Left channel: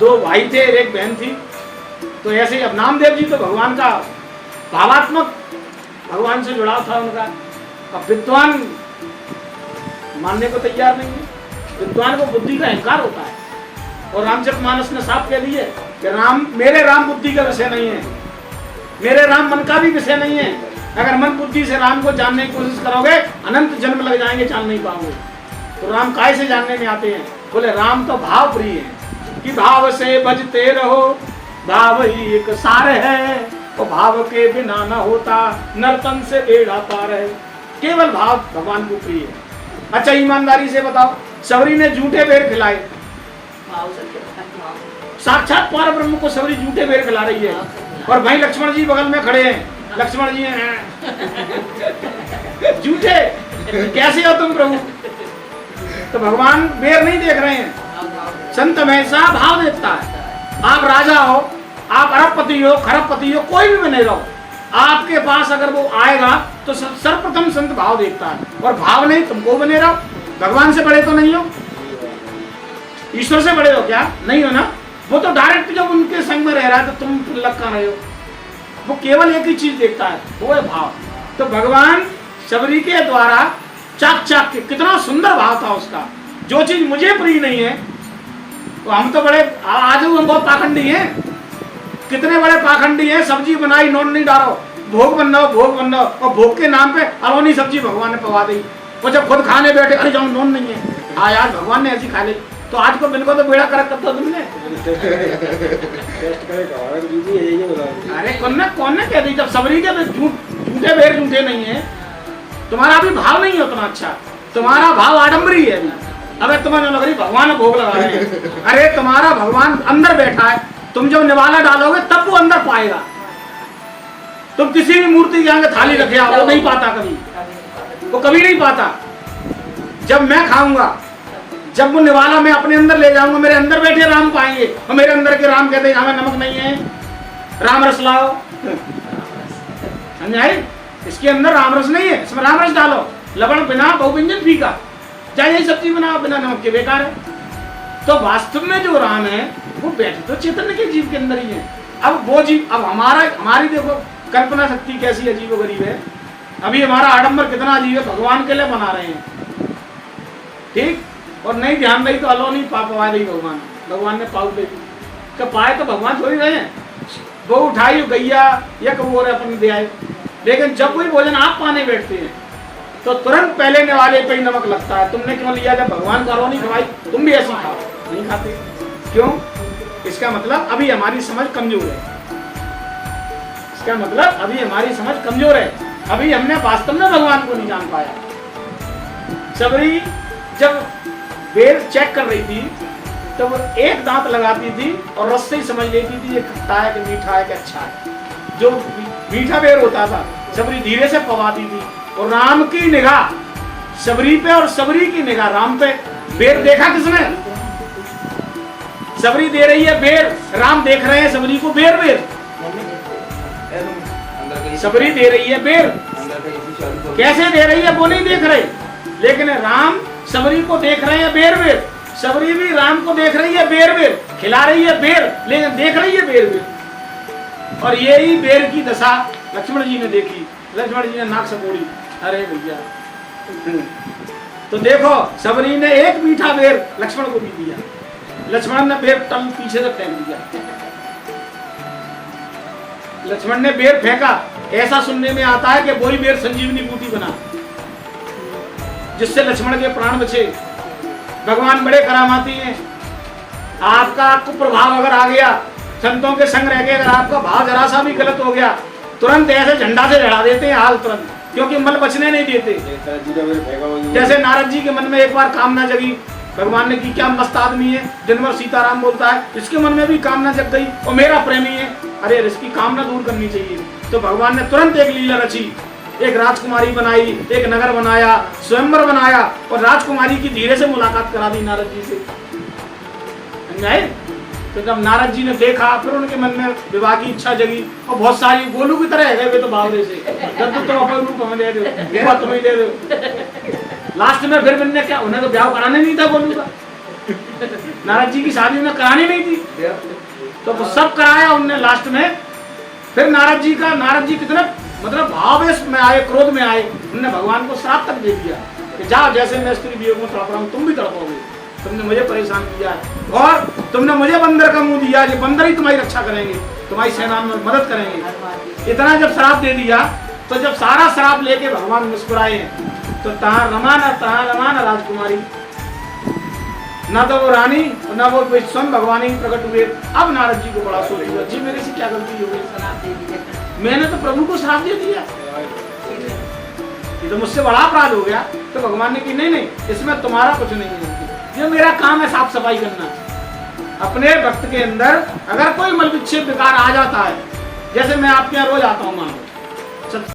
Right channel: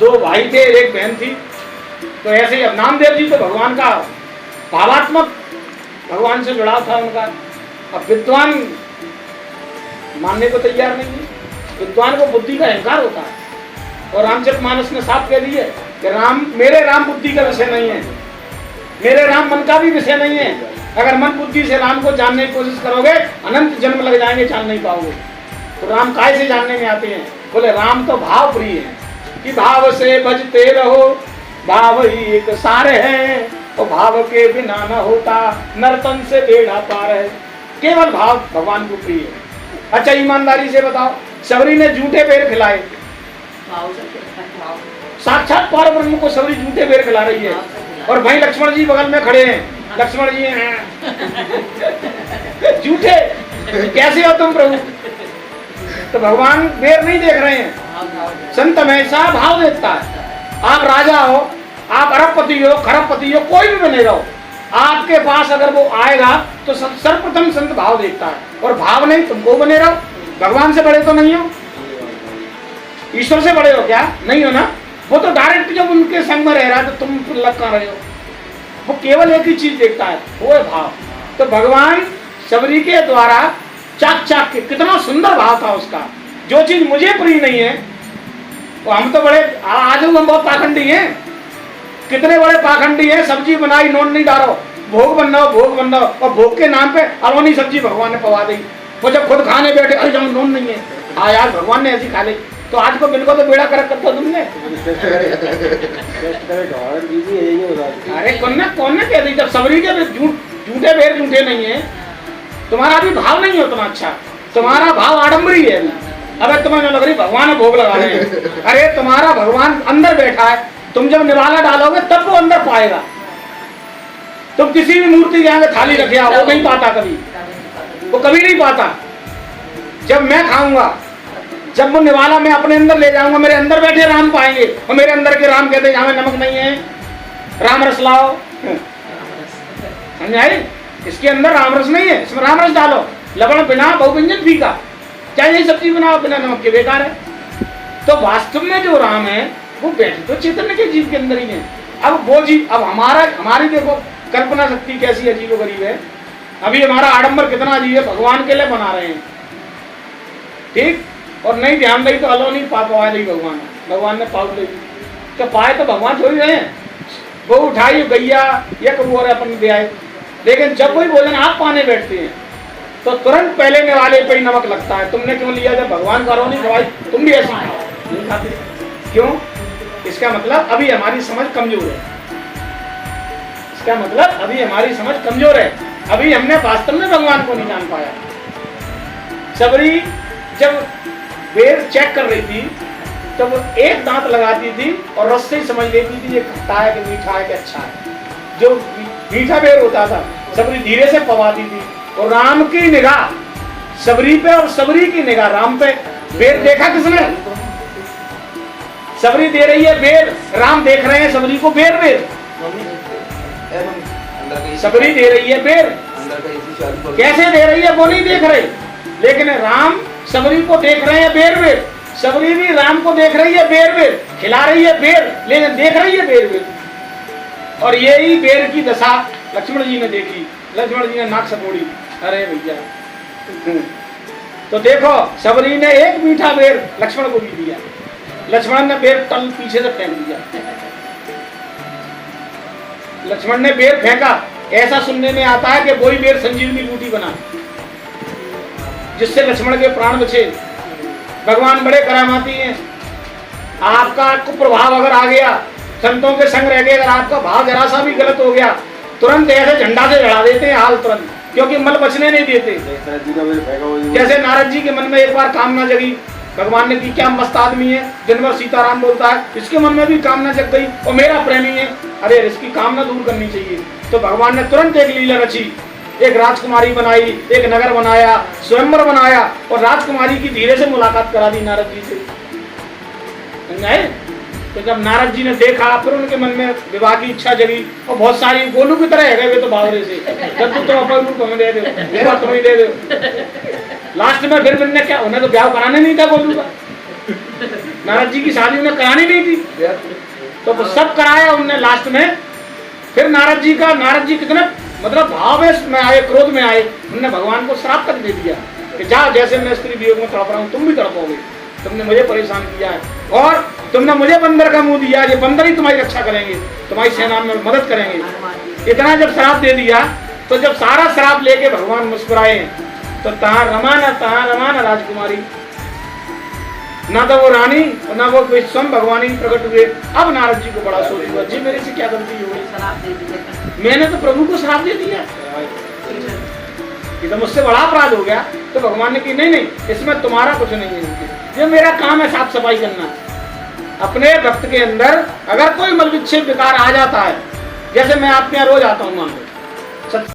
दो भाई थे, एक बहन थी। तो ऐसे ही अब नामदेव जी तो भगवान का भावात्मक भगवान से जुड़ाव था उनका। अब विद्वान मानने को तैयार नहीं है, विद्वान को बुद्धि का अहंकार होता है। और रामचरितमानस ने साफ कह दिया कि मेरे राम बुद्धि का विषय नहीं है, मेरे राम मन का भी विषय नहीं है। अगर मन बुद्धि से राम को जानने की कोशिश करोगे अनंत जन्म लग जाएंगे, जान नहीं पाओगे। तो राम काय से जानने में आते हैं? बोले राम तो भाव प्रिय है कि भाव से भजते रहो, भाव ही एक सार है, तो भाव के बिना न होता नरपन से बेड़ा पार है। केवल भाव भगवान को प्रिय है। अच्छा ईमानदारी से बताओ, सबरी ने झूठे बेर खिलाए, साक्षात पर ब्रह्म को सबरी झूठे बेर खिला रही है, और भाई लक्ष्मण जी बगल में खड़े हैं। लक्ष्मण जी झूठे, कैसे हो तुम प्रभु? तो भगवान बेर नहीं देख रहे हैं, संत हमेशा भाव देखता है। आप राजा हो, आप अरबपति हो, खरबपति हो, कोई भी बने रहो, आपके पास अगर वो आएगा तो सर्वप्रथम संत भाव देखता है। और भाव नहीं, तुमको बने रहो। भगवान से बड़े तो नहीं हो, ईश्वर से बड़े हो क्या? नहीं हो ना। वो तो डायरेक्ट जब उनके संग में रह रहा है तो तुम लग कहाँ रहे हो? वो केवल एक ही चीज देखता है, वो है भाव। तो भगवान सबरी के द्वारा चाक चाक के, कितना सुंदर भाव था उसका। जो चीज मुझे प्रिय नहीं है, तो हम तो बड़े आज हम बहुत पाखंडी हैं। कितने बड़े पाखंडी हैं, सब्जी बनाई नोन नहीं डालो, भोग बनाओ, और भोग के नाम पे अलोनी सब्जी भगवान ने पवा दी। वो जब खुद खाने बैठे, अरे जाओ नोन नहीं है, हाँ यार भगवान ने ऐसी खा ली। तो आज को बिल्कुल तो बेड़ा कर करता तुमने। अरे कौन ने कह दी? जब सबरी के झूठे बेर झूठे नहीं है, तुम्हारा भी भाव नहीं है उतना अच्छा, तुम्हारा भाव आडम्बरी है। अब तुम्हें लग रही भगवान भोग लगा रहे हैं। अरे तुम्हारा भगवान अंदर बैठा है, तुम जब निवाला डालोगे तब वो अंदर पाएगा। तुम किसी भी मूर्ति के आगे थाली रखे आओ, वो नहीं पाता कभी, वो कभी नहीं पाता। जब मैं खाऊंगा, जब वो निवाला मैं अपने अंदर ले जाऊंगा, मेरे अंदर बैठे राम पाएंगे। और मेरे अंदर के राम कहते हैं हमें नमक नहीं है, राम रस लाओ। समझाई? इसके अंदर राम रस नहीं है, इसमें राम रस डालो। लवण बिना बहुव्यंजन फीका, चाहे ये सब्जी बनाओ बिना नमक के, बेकार है। तो वास्तव में जो राम है वो बैठे तो चैतन्य के जीव के अंदर ही है। अब वो जीव, अब हमारी देखो कल्पना शक्ति कैसी अजीब गरीब है। अभी हमारा आडंबर कितना अजीब है, भगवान के लिए बना रहे हैं, ठीक, और नहीं ध्यान रही तो अलोनी पापा नहीं भगवान ने पाऊ दे तो पाए तो भगवान थोड़ी रहे हैं। वो उठाई गैया या कब अपन दे आए। लेकिन जब कोई भोजन आप पाने बैठते हैं तो तुरंत पहले निवाले पे ही नमक लगता है। तुमने क्यों लिया? जब भगवान को नहीं खवाई, तुम भी ऐसी खाओ, नहीं खाते क्यों? इसका मतलब अभी हमारी समझ कमजोर है। इसका मतलब अभी हमारी समझ कमजोर है, अभी हमने वास्तव में भगवान को नहीं जान पाया। सबरी जब बेर चेक कर रही थी तो वो एक दांत लगाती थी और रस से ही समझ लेती थी ये खट्टा है कि मीठा है कि अच्छा है। जो मीठा बेर होता था सबरी धीरे से पवाती थी, और राम की निगाह सबरी पे और सबरी की निगाह राम पे। बेर देखा किसने? सबरी दे रही है बेर, राम देख रहे हैं सबरी को बेर। सबरी दे रही है बेर, कैसे दे रही है वो नहीं देख रहे, लेकिन राम सबरी को देख रहे हैं बेर। सबरी भी राम को देख रही है बेर, खिला रही है बेर, लेकिन देख रही है बेर। और यही बेर की दशा लक्ष्मण जी ने देखी। लक्ष्मण जी ने नाक सपोड़ी, अरे भैया। तो देखो सबरी ने एक मीठा बेर लक्ष्मण को भी दिया, लक्ष्मण ने बेर तल पीछे से फेंक दिया। लक्ष्मण ने बेर फेंका, ऐसा सुनने में आता है कि वही बेर संजीवनी बूटी बना, जिससे लक्ष्मण के प्राण बचे। भगवान बड़े करामाती हैं। आपका कुप्रभाव अगर आ गया, संतों के संग रह गए, अगर आपका भाव जरा सा भी गलत हो गया, तुरंत ऐसे झंडा से लड़ा देते हैं हाल तुरंत, क्योंकि मल बचने नहीं देते। जैसे नारद जी के मन में एक बार कामना जगी, भगवान ने की क्या मस्त आदमी है, दिन भर सीताराम बोलता है, इसके मन में भी कामना जग गई और मेरा प्रेमी है, अरे इसकी कामना दूर करनी चाहिए। तो भगवान ने तुरंत एक लीला रची, एक राजकुमारी बनाई, एक नगर बनाया, स्वयंवर बनाया, और राजकुमारी की धीरे से मुलाकात करा दी नारद जी से। नहीं? तो जब नारद जी ने देखा, फिर उनके मन में विवाह की इच्छा जगी, और बहुत सारी गोलू की तरह है गए तो बावरे से, तो अपन को हमें दे दे, तुम्हें दे दो। लास्ट में फिर मैंने क्या, उन्हें तो ब्याह कराने नहीं था गोलू का, नारद जी की शादी उन्हें करानी नहीं थी, तो वो सब कराया उनने लास्ट में। फिर नारद जी कितने मतलब भाव में आए, क्रोध में आए, उन्होंने भगवान को श्राप तक दे दिया कि जाओ, जैसे मैं स्त्री वियोग में तड़प रहा हूँ तुम भी तड़पोगे, तुमने मुझे परेशान किया है और तुमने मुझे बंदर का मुंह दिया, ये बंदर ही तुम्हारी रक्षा करेंगे, तुम्हारी सेना में मदद करेंगे। इतना जब श्राप दे दिया, तो जब सारा श्राप लेके भगवान मुस्कुराए, तो तहाँ रमाना राजकुमारी, न तो वो रानी न वो स्वयं भगवान ही प्रकट हुए। अब नारद जी को बड़ा सोच हुआ, जी मेरे से क्या गलती हो गई, मैंने तो प्रभु को श्राप दे दिया, ये तो मुझसे बड़ा अपराध हो गया। तो भगवान ने कहा नहीं, इसमें तुम्हारा कुछ नहीं है, ये मेरा काम है साफ सफाई करना। अपने भक्त के अंदर अगर कोई मल विक्षेप विकार आ जाता है, जैसे मैं आपके यहाँ रोज आता हूँ, मान लो